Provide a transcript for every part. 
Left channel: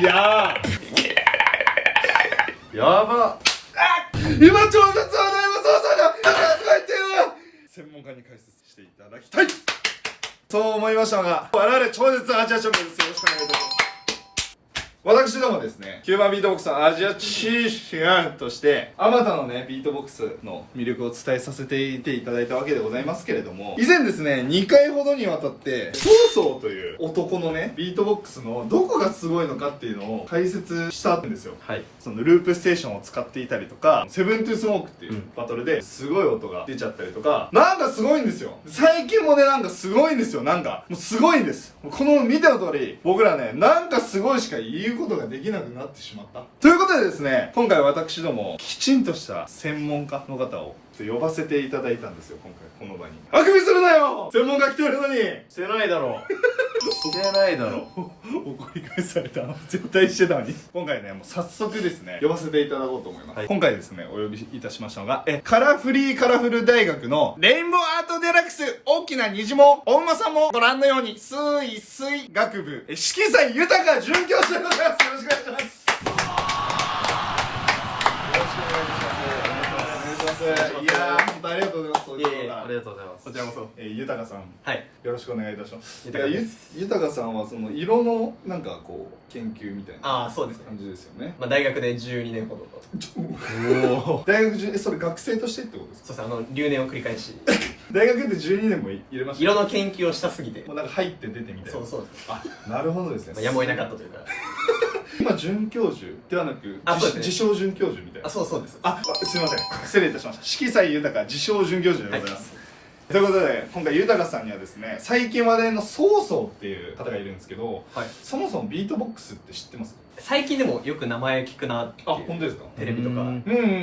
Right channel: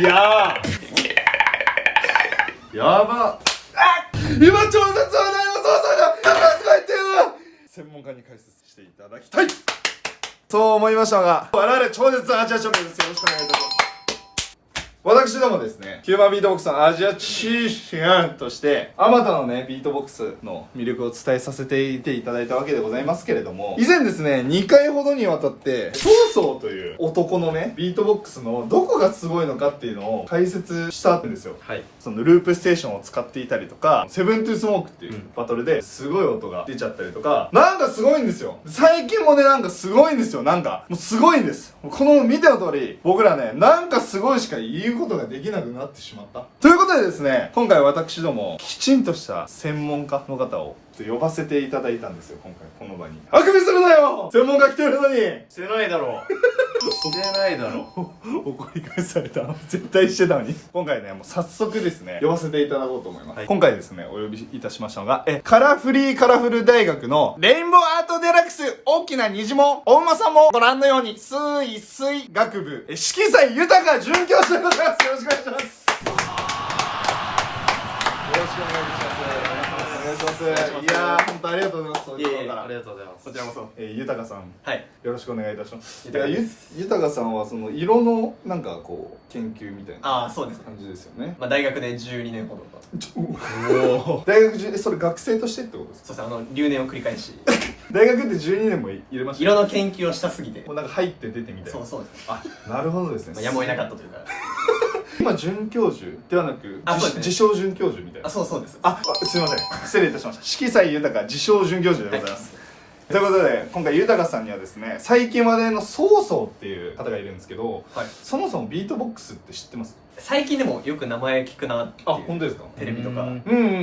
いやーやば今超絶話題の操作だとか言ってよ専門家に解説していただきたいそう思いましたが、我々超絶アジアチャンピオンです。よろしくお願いいたします。私どもですね、ヒューマンビートボックスのアジアチャンピオンとしてあまたのね、ビートボックスの魅力を伝えさせていただいたわけでございますけれども、以前ですね、2回ほどにわたってソーソーという男のね、ビートボックスのどこがすごいのかっていうのを解説したんですよ。はい。そのループステーションを使っていたりとか、セブントゥースモークっていうバトルですごい音が出ちゃったりとか、なんかすごいんですよ。最近もね、なんかすごいんですよ。なんかもうすごいんです。この見ての通り、僕らね、なんかすごいしか言うことができなくなってしまった。ということでですね、今回私どもきちんとした専門家の方を呼ばせていただいたんですよ。今回この場に。あくびするなよ。専門家来てるのに。してないだろしてないだろ怒り返された。絶対してたのに。今回ね、もう早速ですね、呼ばせていただこうと思います。はい、今回ですね、お呼びいたしましたのが、カラフリーカラフル大学のレインボーアートデラックス大きな虹も、お馬さんもご覧のように、水学部、色彩豊か准教授でございます。よろしくお願いします。いやー、本当ありがとうございます。いえいえ、ありがとうございます。こちらこそ。豊さん、はい、よろしくお願いいたします。豊さんはその色のなんかこう研究みたいなそうですね感じですよね。まあ大学で12年ほどお大学中それ学生としてってことですか？そうです。留年を繰り返し大学って12年も入れました。色の研究をしたすぎてもうなんか入って出てみたいな。そうです。あ、なるほどですね。やむを得なかったというか今准教授ではなく自称准教授みたいな。そうです。すいません、失礼いたしました。色彩豊自称准教授でございます。ということで今回豊さんにはですね、最近話題のソーソーっていう方がいるんですけど、そもそもビートボックスって知ってます？最近でもよく名前聞くなっていう。本当ですか？テレビとか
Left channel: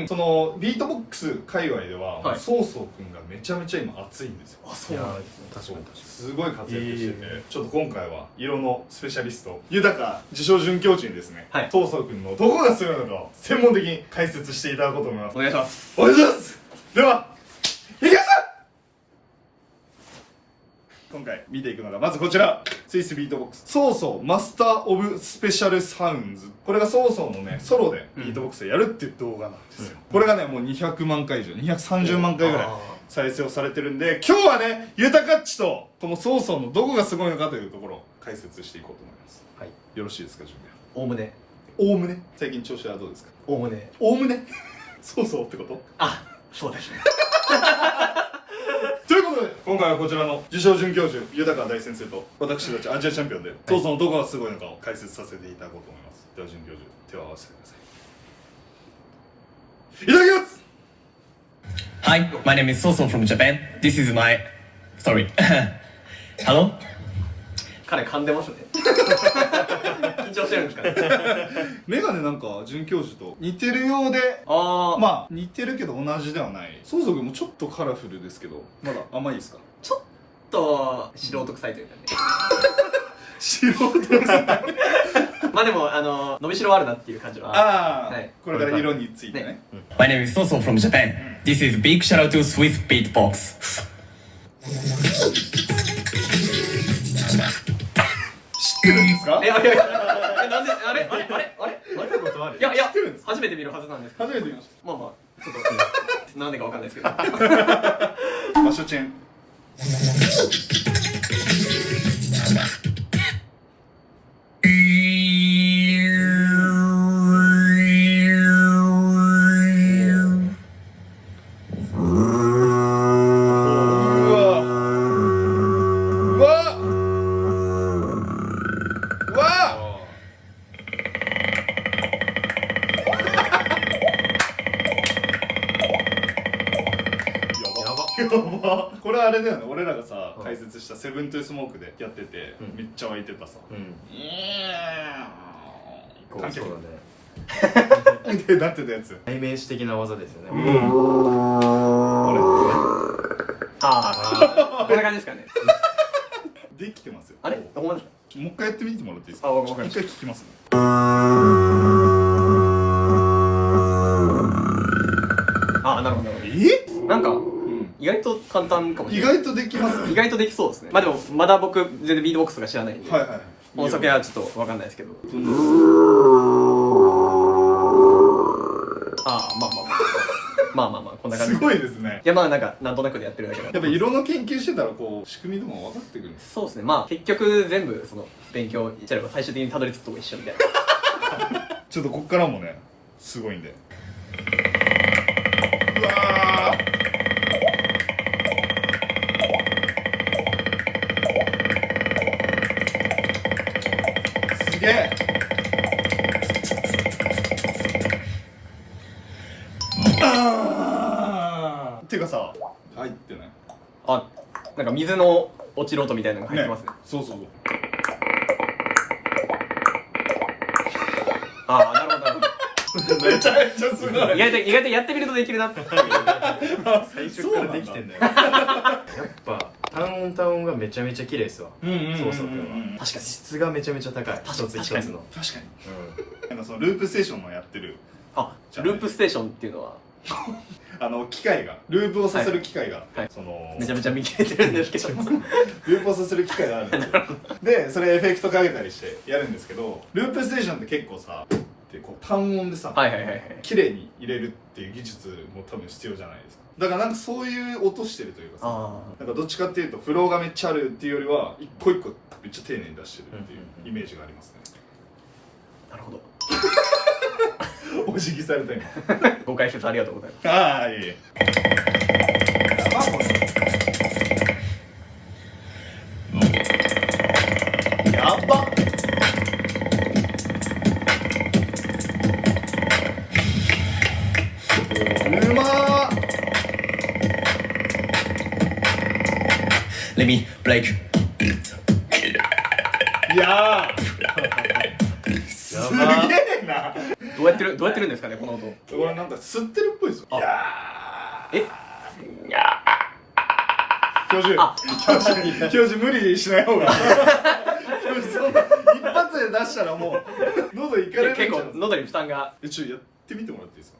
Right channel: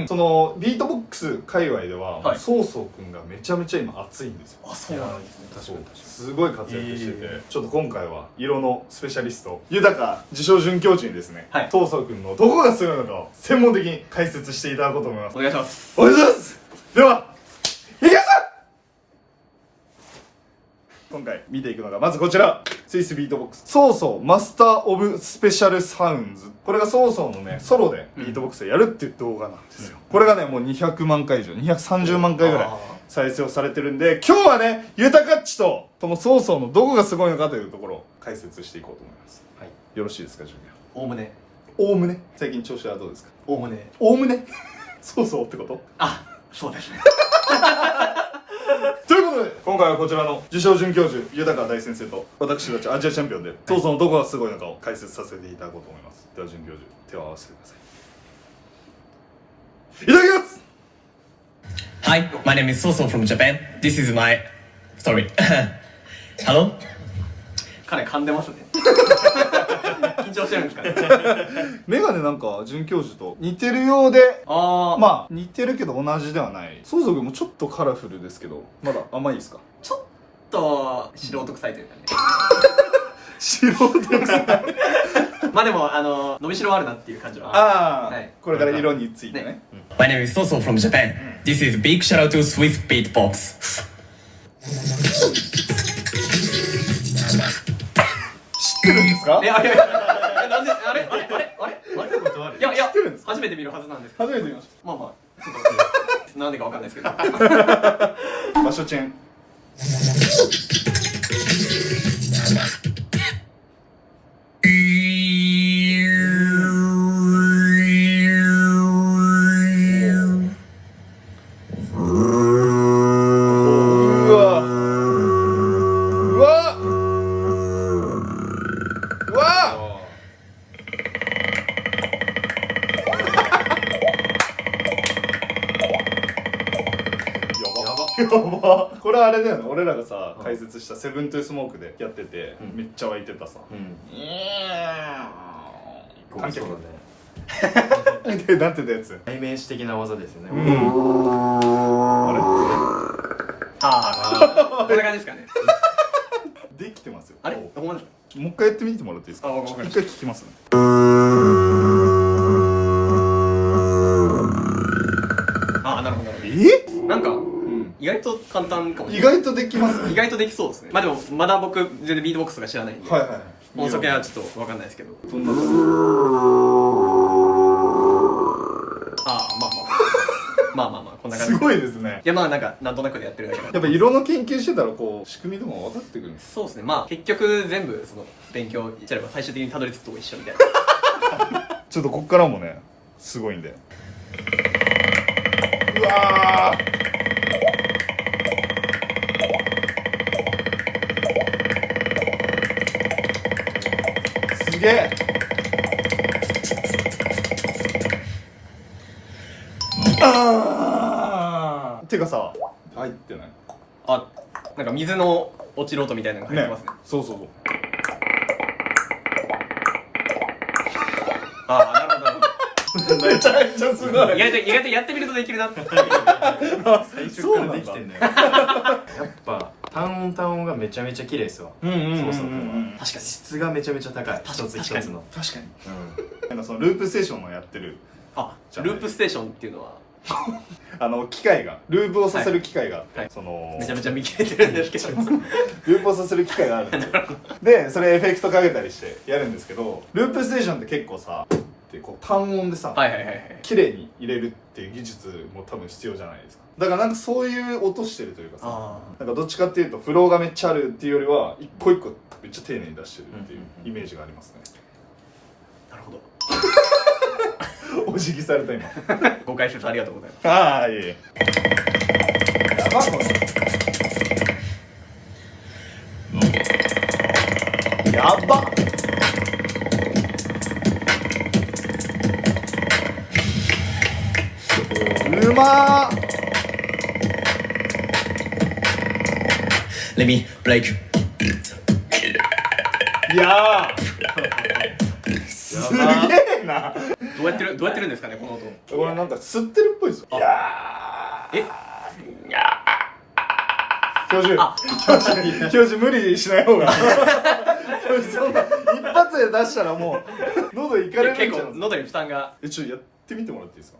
そのビートボックス界隈では、ソーソーくんがめちゃめちゃ今熱いんですよ。そうなんですね。確かにすごい活躍してて、ちょっと今回は色のスペシャリスト豊自称准教授にですね、ソーソーくんのどこがすごいのかを専門的に解説していただこうと思います。お願いします。お願いします。ではいきます。今回見ていくのがまずこちら、スイスビートボックスソーソーマスターオブスペシャルサウンズ。これがソーソーのねソロでビートボックスでやるっていう動画なんですよ。これがねもう200万回以上230万回ぐらい再生をされてるんで、今日はね豊かっちとこのソーソーのどこがすごいのかというところを解説していこうと思います。はい、よろしいですか？準備はおおむね最近調子はどうですか？おおむねソーソーってこと？そうですねということで今回はこちらの自称准教授豊大先生と私たちアジアチャンピオンでソーソーのどこがすごいのかを解説させていただこうと思います。では准教授、手を合わせてください。いただきます。 Hi, my name is Soso from Japan. This is my story. Hello? 彼噛んでますね緊張してるんですかねメガネなんか准教授と似てるようで、まあ似てるけど同じではない。ソーソー君もちょっとカラフルですけどまだ甘いですか？ちょっと素人臭いというかね素人臭いまあでも伸びしろはあるなっていう感じは。これから色についてね。My name is Soso from Japan. This is big shout out to Swiss Beatbox. 知ってるんですか？いやなんであれ見たことある？いや初めて見るはずなんですけど。初めて見ました。まあちょっとなんでかわかんないですけど場所チェンこれあれだよね、俺らがさ解説したセブントゥースモークでやっててめっちゃ湧いてたさ。そうだねでなってたやつ代名詞的な技ですよね。こんな感じですかね。できてますよ。あれほんまですか？もう一回やってみてもらっていいですか？一回聞きますね。なるほど。なんか意外と簡単かもしれない。意外とできますね。意外とできそうですね。まあでもまだ僕全然ビートボックスが知らないんで。音速はちょっとわかんないですけど。ああ、まあこんな感じすごいですね。いやまあなんかなんとなくでやってるだけなんで。やっぱ色の研究してたらこう仕組みとかも分かってくるんです。そうですね。まあ結局全部その勉強しちゃえば最終的にたどり着くとこ一緒みたいな。ちょっとこっからもねすごいんで。うわー。すげえ。あーてかさ入ってないあ、なんか水の落ちる音みたいなのが入ってますね。そうそうそう。ああ、なるほどなるほど。めちゃめちゃすごい。意外とやってみるとできるなって。最初からできてんだよ。やっぱ単音がめちゃめちゃ綺麗ですわ。うんうんうんうんそうそう君は。確かに質がめちゃめちゃ高い。一つ一つの。確かに。うん。なんかそのループステーションのやってるあ、ループステーションっていうのは機械がループをさせる機械が、はいそのめちゃめちゃ見切れてるんですけど。ループをさせる機械があるんですよでそれエフェクトかけたりしてやるんですけど、ループステーションって結構さってこう単音でさ、はいはいはいはい。綺麗に入れるっていう技術も多分必要じゃないですか。だからなんかそういう音してるというかさ、あなんかどっちかっていうとフローがめっちゃあるっていうよりは一個一個めっちゃ丁寧に出してるっていうイメージがありますね。あ、なるほど。お辞儀された今。ご解説ありがとうございます。ああいえいえ。やばっ。うまー。 Let me break. いやーすげえな。どうやってるんですかねこの音。これなんか吸ってるっぽいですよ。いやえ、教授無理しない方がそんな一発で出したらもう喉いかれるんじゃ結ない構喉に負担が。ちょっとやってみてもらっていいですか。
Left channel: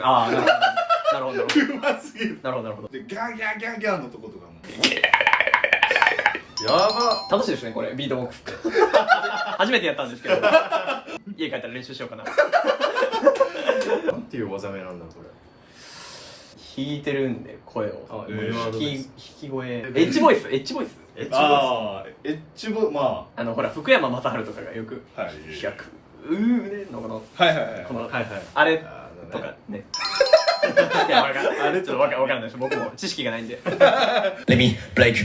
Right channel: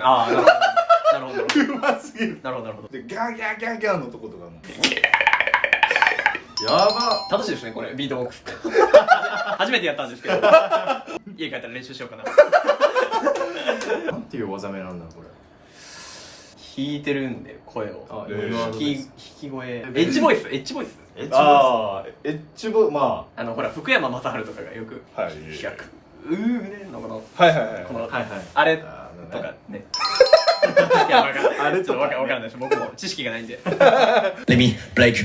ああ、なるほどなるほどうますぎる。なるほどなるほど。でギャーギャーギャーギャーのとことかやば。楽しいですねこれビートボックス。初めてやったんですけど、家帰ったら練習しようかな。なんていう技名なんだこれ。弾いてるんで声を。あ、今今の引き声。エッジボイス。エッジボイス。ああエッジボまほら福山雅治とかがよくあはい100のこのはいはいはいこのはいはい。あれあーとかね。いやわかんない。ちょっとわかんないです。僕も知識がないんで。 Let me break. す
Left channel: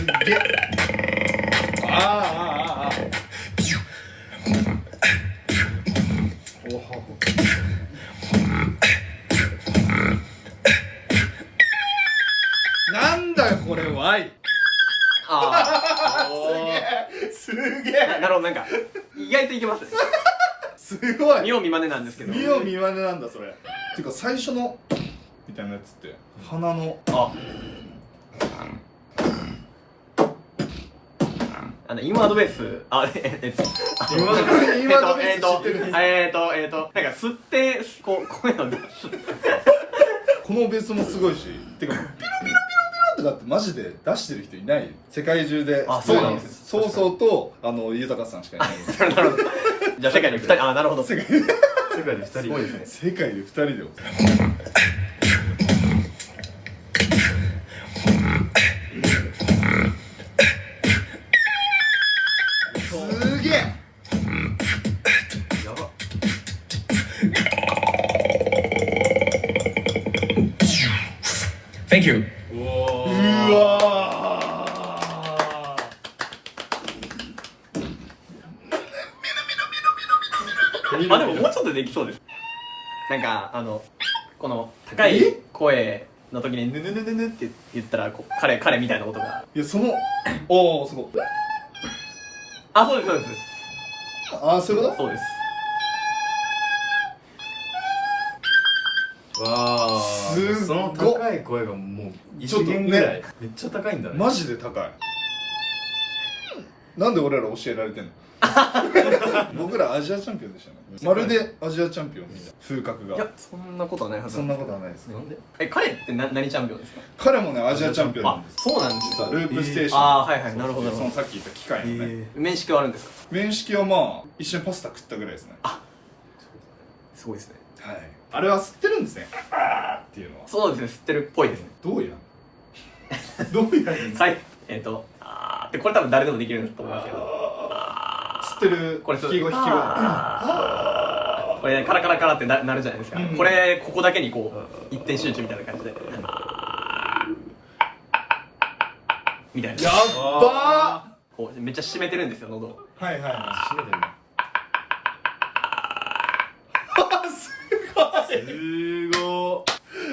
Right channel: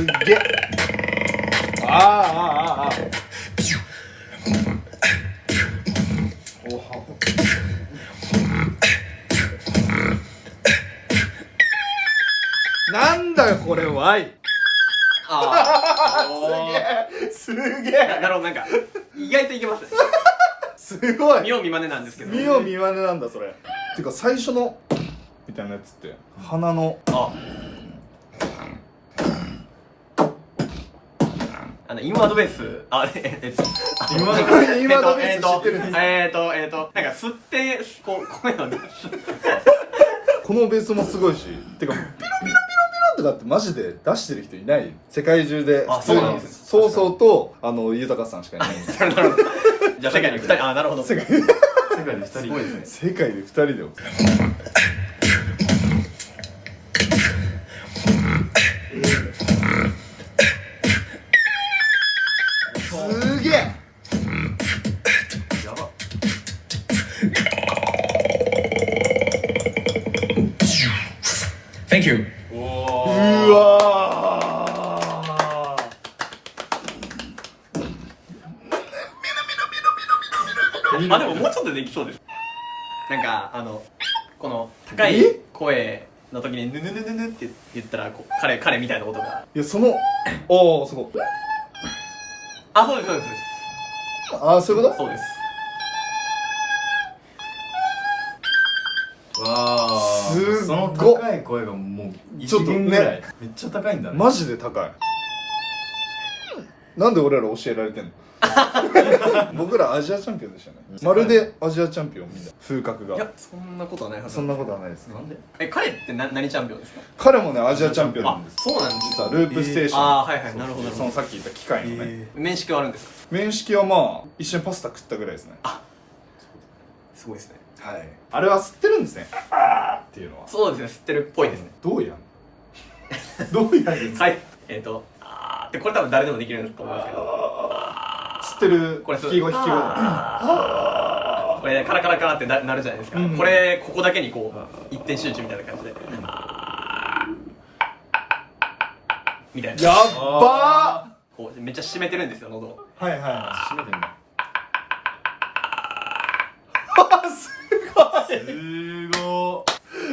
っげえ。ああああああおはなんだこれは。いあすげあ。なるほど、なんか意外といけますね。すごい見よう見まねなんですけど。見よう見まねなんだそれ。てか最初のみたいなやつって鼻のあ、インワードベース、インワードベース知ってるんですなんか吸ってこう声を出す。このベースもすごいし、てかピロピロピロピロとかってマジで出してる人いない。世界中で。あ、そうなんです。そうそうと豊さんしかいない。なるほど。じゃあ世界の2人、あ、なるほど。世界世界で2人。すごいですね。世界で2人で。すげえ。やば。Thank you. うわあ、でももうちょっとできそうです。なんかこの高い声の時にヌヌヌヌヌって言ったら彼みたいな音が。いやおおすごい。あ、そうですそうですああそういうこそうです。わあ。すっごその高い声がもう一弦ぐらい。めっちゃ高いんだとね。マジで高い。なんで俺ら教えられてんの僕らアジアチャンピオンでしたね。まるでアジアチャンピオンみたいな風格が。いやそんなことはないはずそんなことはないですね。なんで彼って何チャンピオンですか？彼もねアジアチャンピオンなんです。そうなんです実はループステーション、ああはいはいなるほどそのさっき言った機械のね、面識はあるんですか？面識はまあ一緒にパスタ食ったぐらいですね。すごいですね。はい。あれは吸ってるんですねっていうのは。そうですね、吸ってるっぽいですね。どうやんどうやんですか。はいでこれ多分誰でもできるんだと思いますけど、吸ってるこれ引き声引き声。これねカラカラカラってなるじゃないですか、これここだけにこう一点集中みたいな感じでみたいなやっばこうめっちゃ締めてるんですよ喉を。ー。はいは閉めてんだ。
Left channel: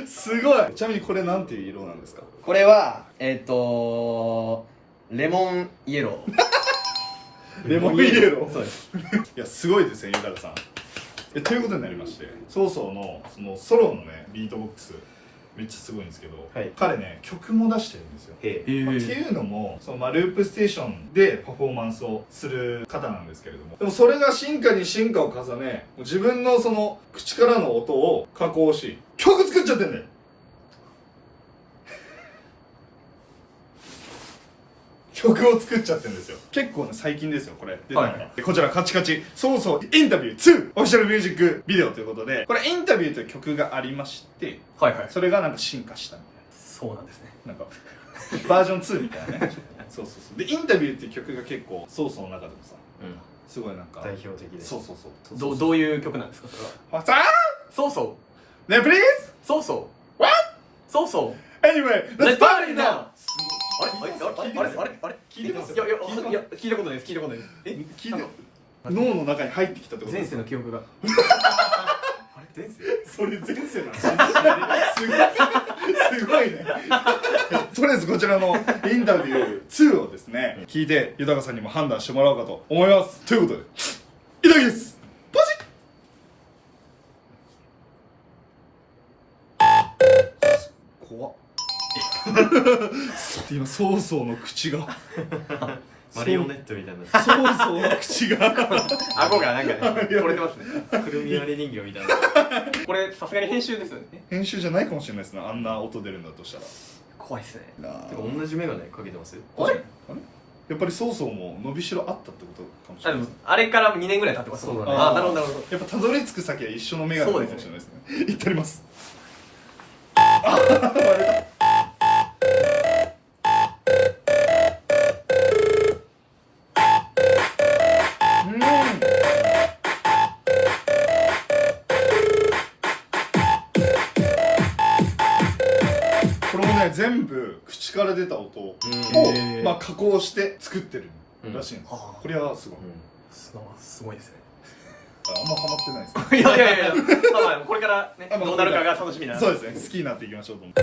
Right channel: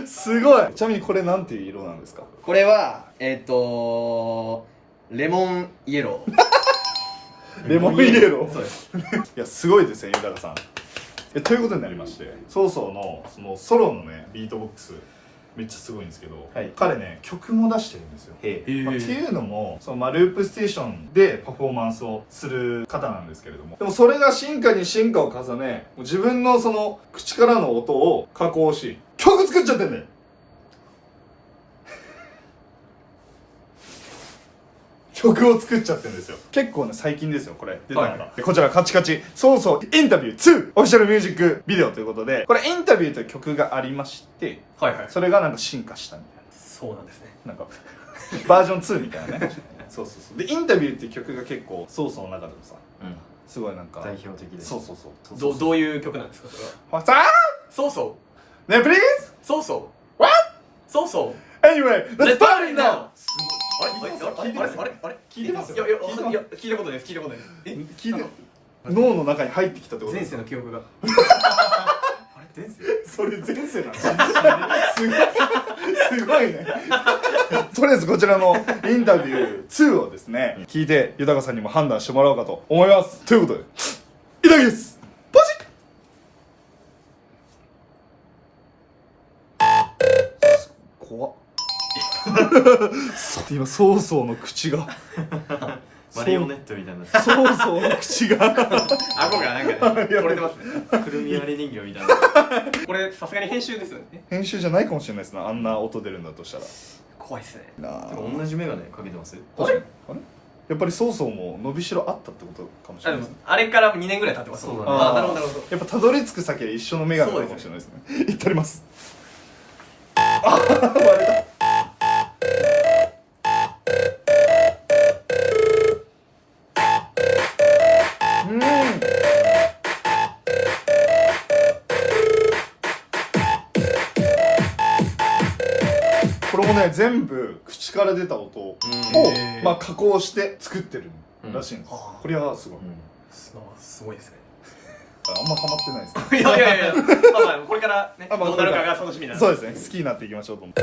い。すごい。ちなみにこれなんていう色なんですか？これはレモンイエローレモンイエロー。そうですいやすごいですよ、ゆだらさん。ということになりまして、そうそうのそのソロのねビートボックスめっちゃすごいんですけど、はい彼ね曲も出してるんですよ。へへっていうのもそのループステーションでパフォーマンスをする方なんですけれども、でもそれが進化に進化を重ね、自分のその口からの音を加工し曲作っちゃってんだよ。曲を作っちゃってるんですよ。結構ね最近ですよこれ出たのが、はいでこちらカチカチそうそうインタビュー2オフィシャルミュージックビデオということで、これインタビューという曲がありまして、はいはいそれがなんか進化したみたいそうなんですね。な、なんかバージョン2みたいなねそうそうそう。でインタビューっていう曲が結構ソースの中でもさうん。すごいなんか代表的で。そうそうそうどういう曲なんですかそれは？さあそうそうね please そうそう what そうそう anyway let's party now あれ聞いてますいや聞いたことないです聞いたことないです。聞いて脳の中に入ってきたってこと前世の記憶があれ前世それ前世のすごいねとりあえずこちらのインタビュー2をですね聞いて豊さんにも判断してもらおうかと思います。ということでインタビューですポチッ怖っ今ソーソーの口がマリオネットみたいな。ソーソーの口が顎がなんかね取れてますね。くるみ割り人形みたいな。これさすがに編集ですよね。編集じゃないかもしれないですね、あんな音出るんだとしたら。怖いっすね。なあてか同じメガネかけてます？あれやっぱりソーソーも伸びしろあったってことかもしれないですね。あれから2年ぐらい経ってます。そうだねあーなるほどなるほど。やっぱたどり着く先は一緒のメガネかもしれないですね。いっております。これもね全部口から出た音を、まあ、加工して作ってるらしいんです、これはすごい、すごいですね。あんまハマってないですね。いやまあまあこれからねあまあどうなるかが楽しみな。そうですね、好きになっていきましょうと思って。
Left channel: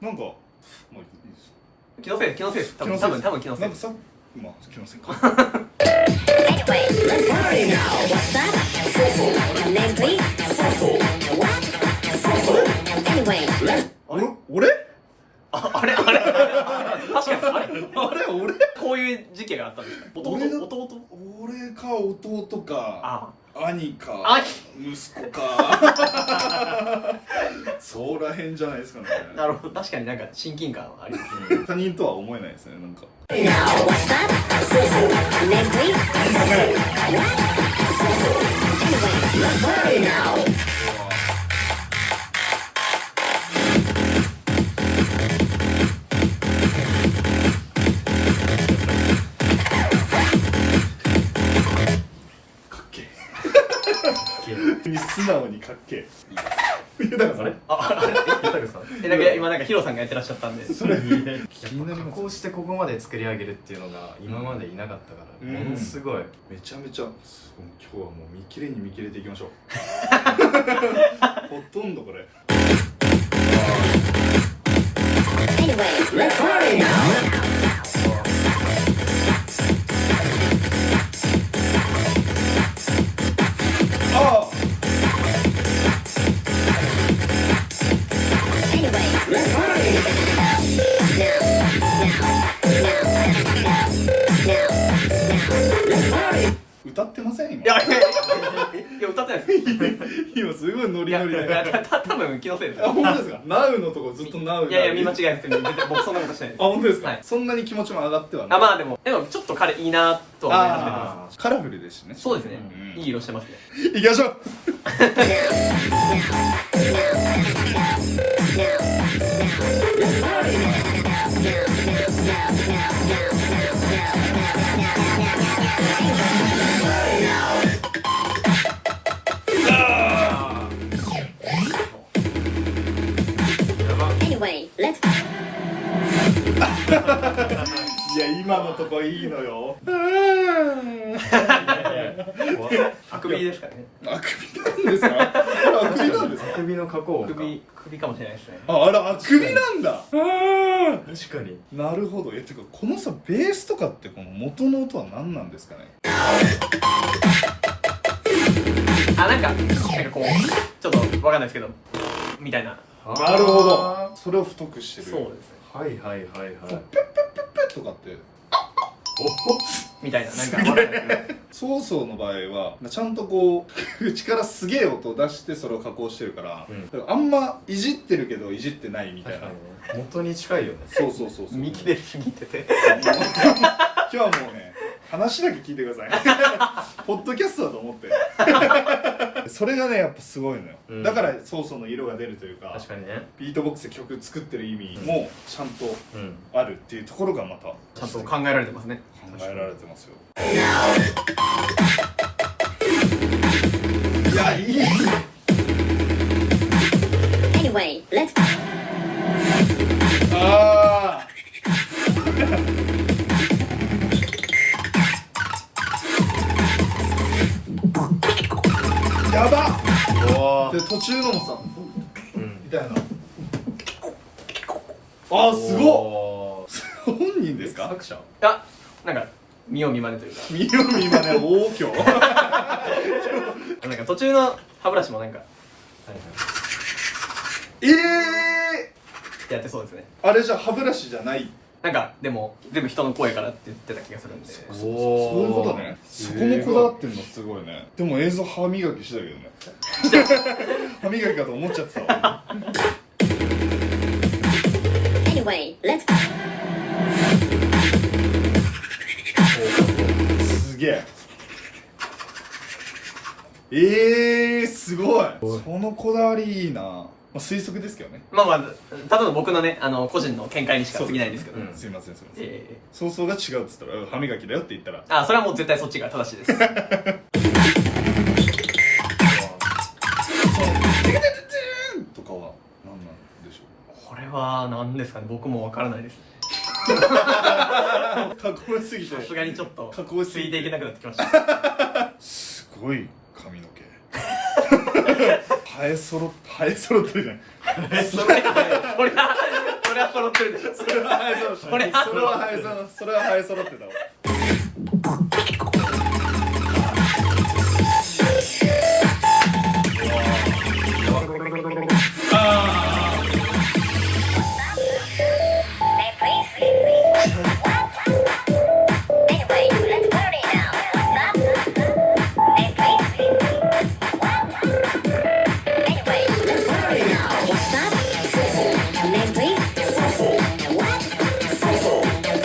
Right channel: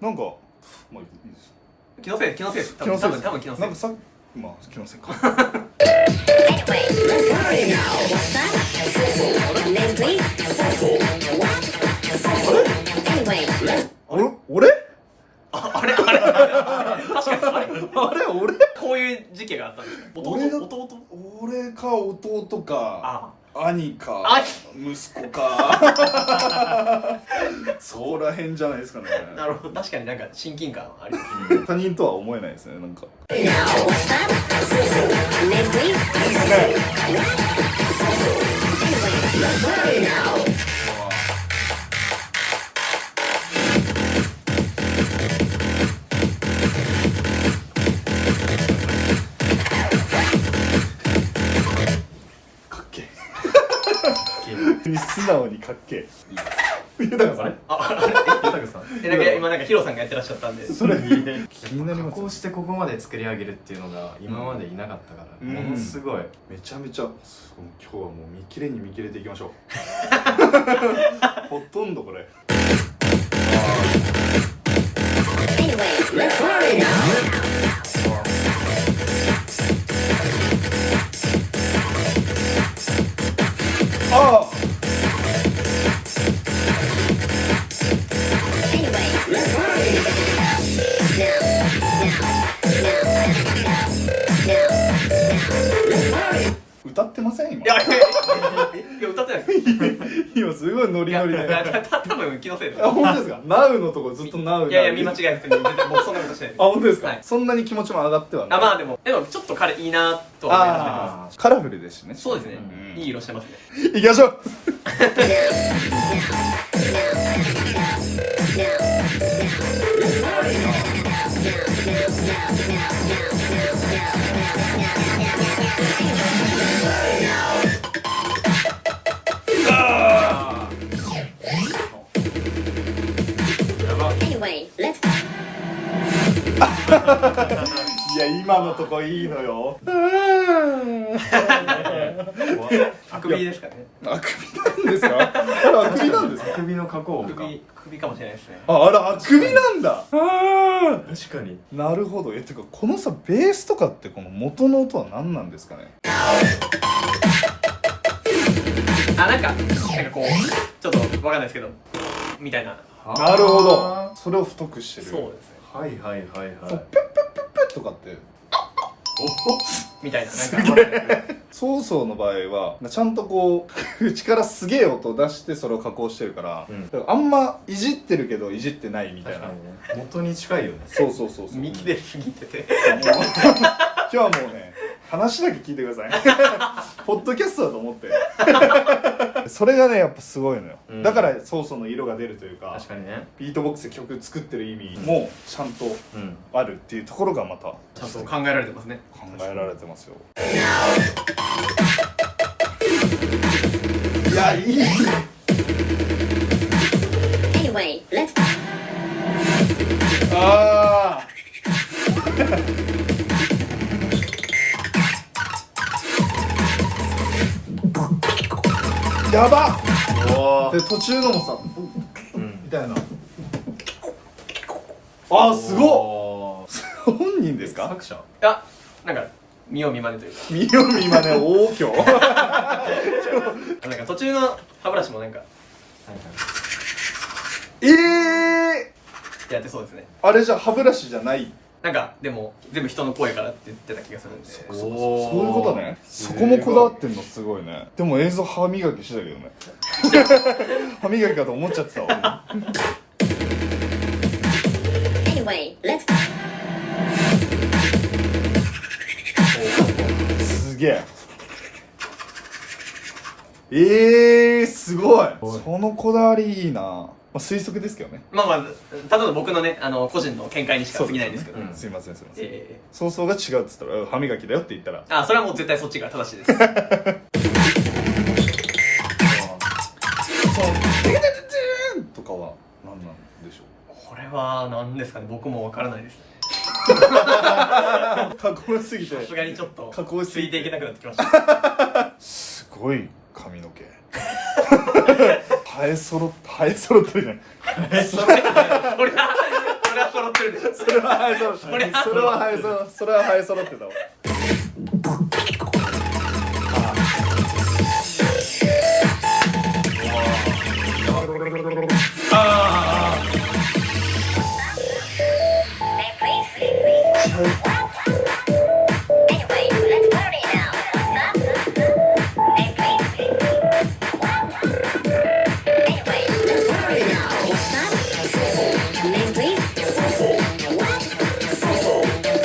なんか、まあいいですよ。気のせいです。多分気のせい。なんかさ、まあ気のせいか。 Anyway, let's party now. What's that? Name please. Anyway, let's 俺あれ確かにあれあれ俺こういう時期があったんですか？弟俺か弟か兄かあ息子かそらへんじゃないですかね。なるほど、確かになんか親近感はありますね。他人とは思えないですね、なんか。 now. What's that? Name please. Anyway, let's party now. かっけえ素直にかっけえ。だからそれ豊さん。なんか今なんかヒロさんがやってらっしゃったんで。それやっぱ加工してここまで作り上げるっていうのが今までいなかったから、うんものすごい。めちゃめちゃ今日はもう見切れに見切れていきましょうほとんどこれ。 Anyway, 歌ってません今いや歌ってないです今すごいノリノリで多分気のせいですあ、本当ですか？ナウのとこずっとナウいや見間違いです絶対僕そんなことしてないですあ、本当ですか？はいそんなに気持ちも上がってはないあまあでもちょっと彼いいなとは思い始めてまカラフルですしねすそうですねんいい色してますね行きましょうAnyway, let's いや、今のとこいいのよあくびですかねあくびなんですか？あくびなんですか？首の加工音か首かもしれないですねあら、あくびなんだ確かになるほど。てかこのさ、ベースとかってこの元の音は何なんですかね？なんかこうちょっとわかんないですけどみたいななるほど。それを太くしてる。そうですねはいはいはいはいペとかってみたいななんかわかんないですねソーソーの場合はちゃんとこう口からすげえ音を出してそれを加工してるから、うんだからあんまいじってるけどいじってないみたいな。元に近いよねそうそうそうそう。幹で過ぎてて今日はもうね、話だけ聞いてくださいポッドキャストだと思ってそれがねやっぱすごいのよ、うんだからソーソーの色が出るというか確かにねビートボックスで曲作ってる意味もちゃんとうんあるっていうところがまた考ちゃんと考えられてますねえられてますよ。Anyway, let's あやばおで途中のもさうんみたいなあーすごっ本人ですか？作者なんか見よう見まねというか見よう今ね大きょなんか途中の歯ブラシもなんかやってそうですねあれじゃ歯ブラシじゃないなんかでも全部人の声からって言ってた気がするんでそういうことね。そこもこだわってんのすごいね。でも映像歯磨きしてたけどね歯磨きかと思っちゃってたわAnyway, let's すげえすごいそのこだわりいいな、まあ、推測ですけどね。まあただの僕のね個人の見解にしか過ぎないですけどすいませんすいません、えそうそうが違うっつったら歯磨きだよって言ったらそれはもう絶対そっちが正しいですとかは何なんでしょこれは何ですかね僕もわからないですねう加工しすぎてさすがにちょっと加工しついていけなくなってきましたすごい髪の毛生え揃ってるじゃんそれは揃ってるでしょそれは生え揃ってたそれは生え揃ってたわAnyway, let's party now. What's up? Name please. Anyway, let's party now. What's up? Name please. What?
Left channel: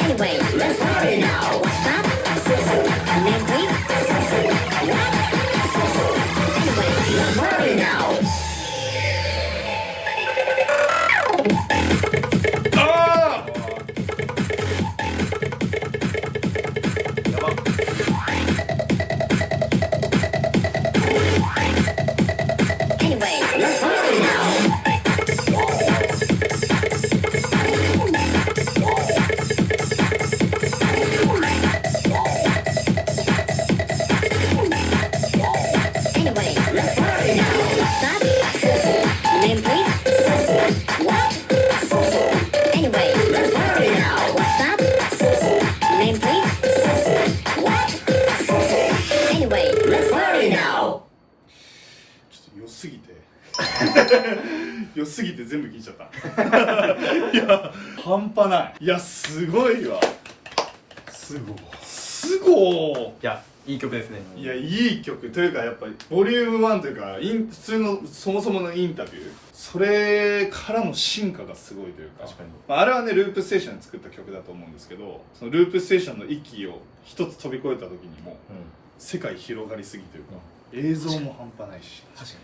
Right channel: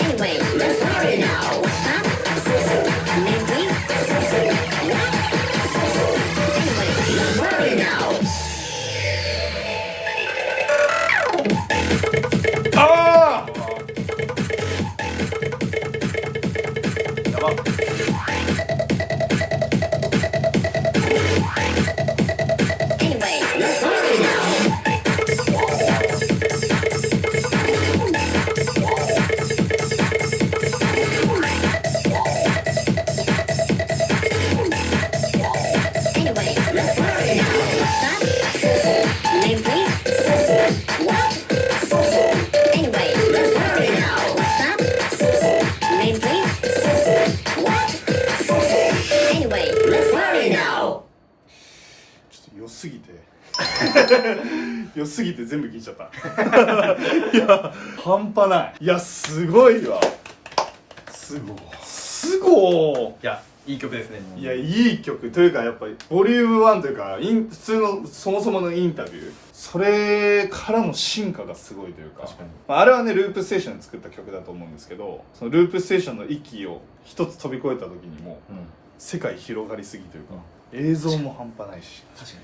Anyway, let's party now. What's up? 良すぎて全部聞いちゃったいや半端ない。いやすごいわ。すごい。いやいい曲ですね。いやいい曲というかやっぱりボリューム1というか普通のそもそものインタビュー、それからの進化がすごいというか、確かにあれはねループステーションで作った曲だと思うんですけど、そのループステーションの域を一つ飛び越えた時にも世界広がりすぎというか、映像も半端ないし、確かに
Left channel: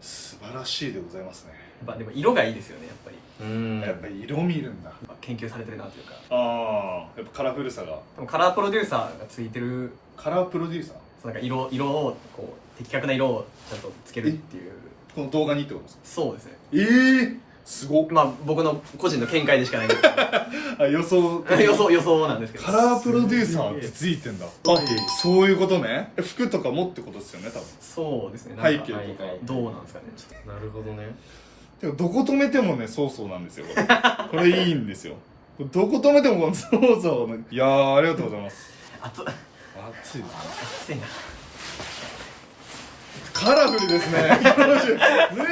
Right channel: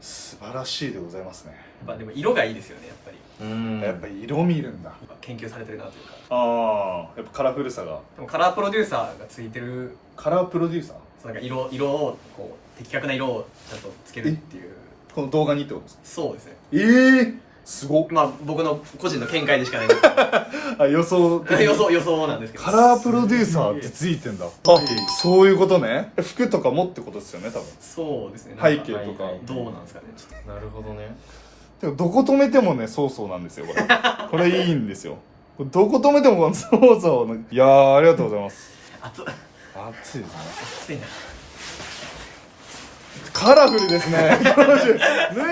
素晴らしいでございますね。やっぱでも色がいいですよね、やっぱり。やっぱり色見るんだ。やっぱ研究されてるなというか。ああやっぱカラフルさが。でもカラープロデューサーがついてる、カラープロデューサー、そうなんか色をこう的確な色をちゃんとつけるっていう。この動画にってことですか？そうですね。すごっ。まあ僕の個人の見解でしかないんですけどあ予想予想なんですけど、カラープロデューサーってついてんだ。あそういうことね。服とかもってことですよね多分。そうですね。なんか背景とかどうなんですかね。なるほどね。でもどこ止めてもねそうなんですよこれこれいいんですよ。これどこ止めてもこのそうの、いやーありがとうございます。熱い熱いですね。熱いな。カラフルですね脱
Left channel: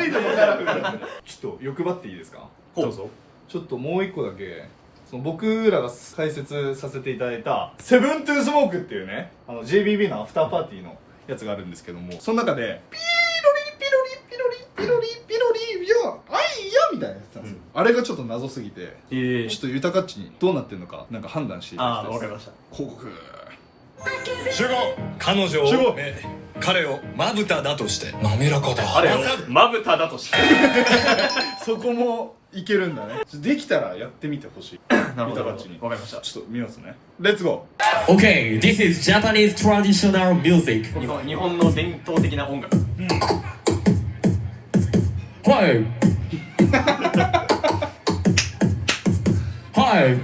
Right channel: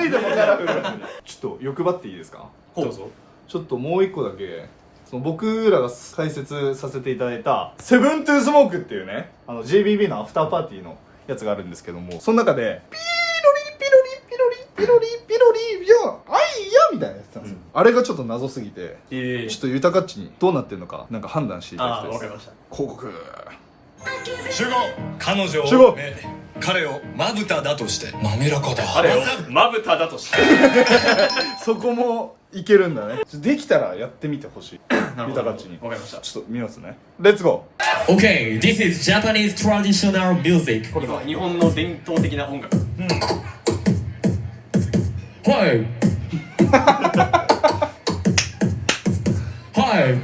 いでもカラフルだね。ちょっと欲張っていいですか？どうぞ。ちょっともう一個だけ、その僕らが解説させていただいたセブントゥースモークっていうね、JBB のアフターパーティーのやつがあるんですけども、その中でピロリピロリピロリピロリピロリいやあいやみたいなやつなんですよ、あれがちょっと謎すぎて、ちょっと豊かっちにどうなってるのかなんか判断していただきたいです。わかりました。広告主語彼女を主語彼をまぶただとして滑らかだ。あれをまぶただとしてそこもいけるんだね。できたらやってみてほしいなるほど。豊かっちに。わかりました。ちょっと見ますね。レッツゴー。 Okay, this is Japanese traditional music. 日本の伝統的な音楽。はいはいははい。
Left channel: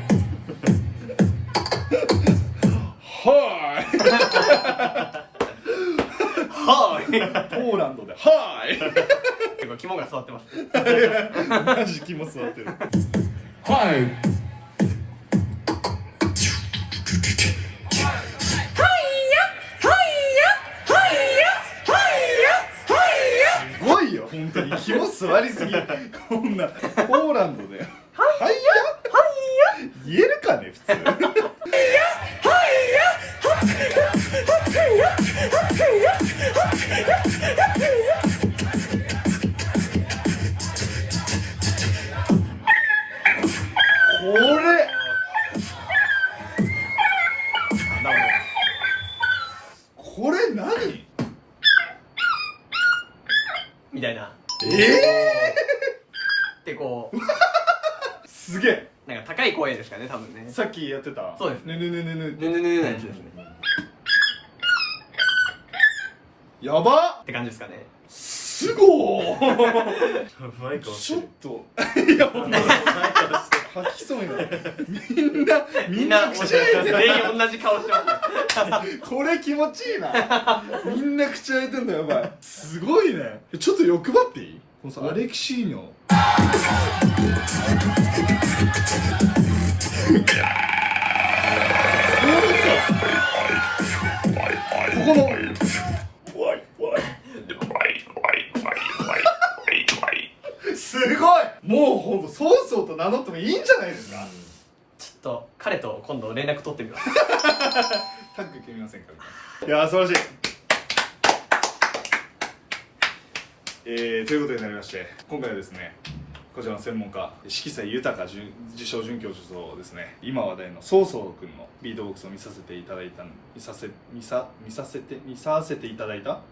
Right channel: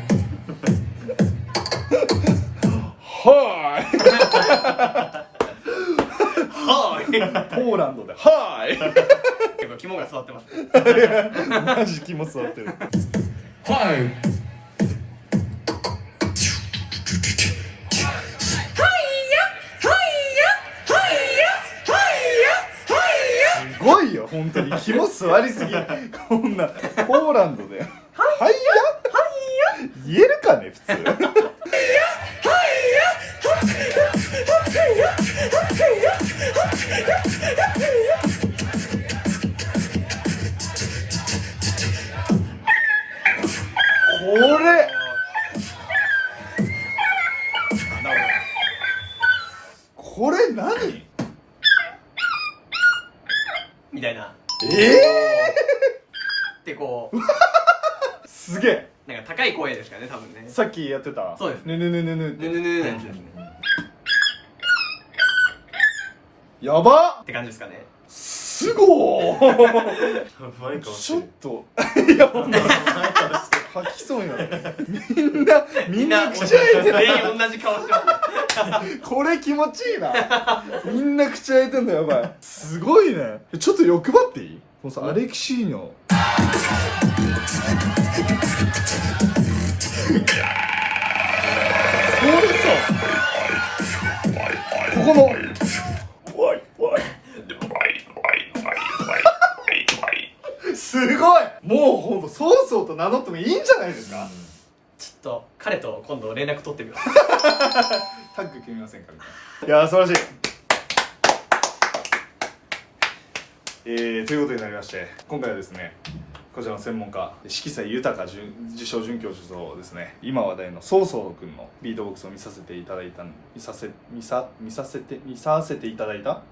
ーいポーランドではーい結構肝が座ってますね。マジ気も座ってる。はいすごいよ本当に肝座りすぎ。こんなポーランドではいや言えるかね普通。これこれ何？みたいな。でこうすげえ。なんか高い声ですからね、多分ね。さっきやってたそうですねぬぬぬぬぬぬぬのやつですね。やばっって感じですかね。すごーマイクちょっといやもう吐きそうになる。みんな口開いてる。全員同じ顔してます。これ気持ちいいな。みんな口開いてんのやばい。すごいね。ちょっと欲張っていい？このさアレクシーニョここのすごい。もうほんとソースをと名乗ってもいいんじゃないですか。ちょっと彼と今度連絡取ってみます。タッグ組みませんかみたいな。いや素晴らしい。ということになりまして、今回はですねこちらの専門家色彩豊自称准教授とですね、今話題のソーソー君のビートボックスを見させていただいた見させていただいたん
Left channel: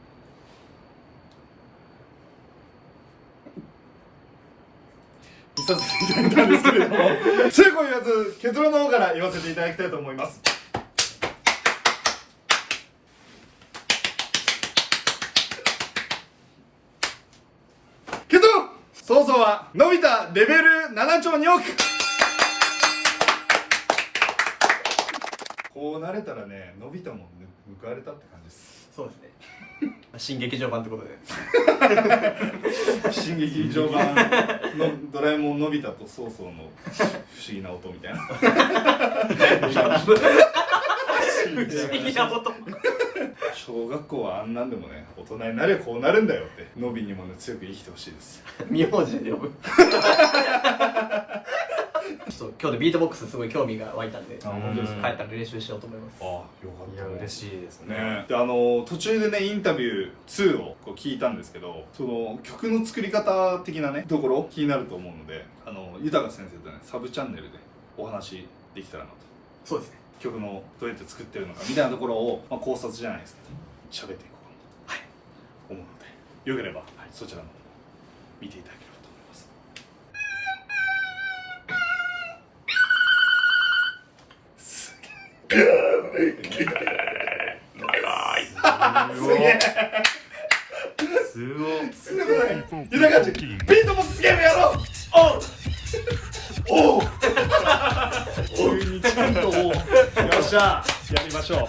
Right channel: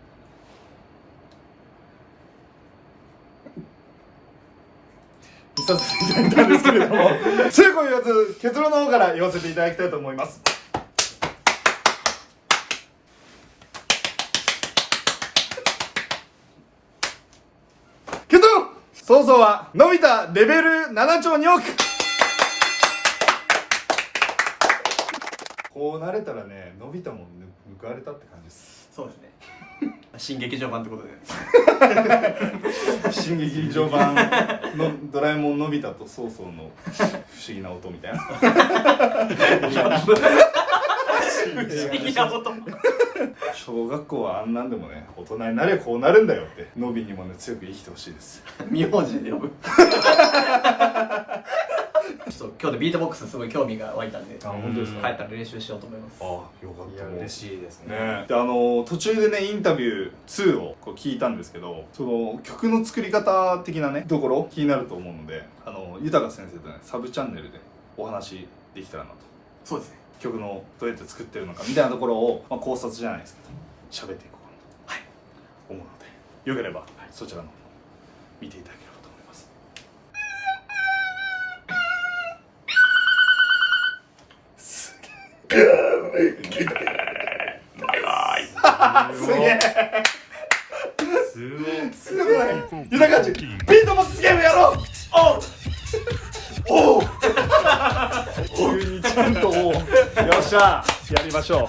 ですけれども強く言わず結論の方から言わせていただきたいと思います。結論、ソーソーはのび太レベル7兆2億。こうなれたらね、のび太も報われたって感じです。そうですね。新劇場版ってことで。新劇場版のドラえもんのび太とソーソーの不思議な音みたいな。不思議な音。小学校はあんなんでもね、大人になれこうなるんだよってノビにもね強く生きてほしいです。名字で呼ぶちょっと今日でビートボックスすごい興味が湧いたんで、あ、本当ですか。帰ったら練習しようと思います。あ、よかっいやたね。嬉しいですね。ね、で途中でねインタビュー2をこう聞いたんですけど、その曲の作り方的なねところ気になると思うので、豊先生とねサブチャンネルでお話できたらなと。そうですね。曲のどうやって作ってるのかみたいなところを、まあ、考察じゃないですけど喋っていこうかなと思うので、よければ、そちらの見ていただければと思います。すごい豊かちビートボックスゲームやろう。おう急にちゃんとよっしゃやりましょう。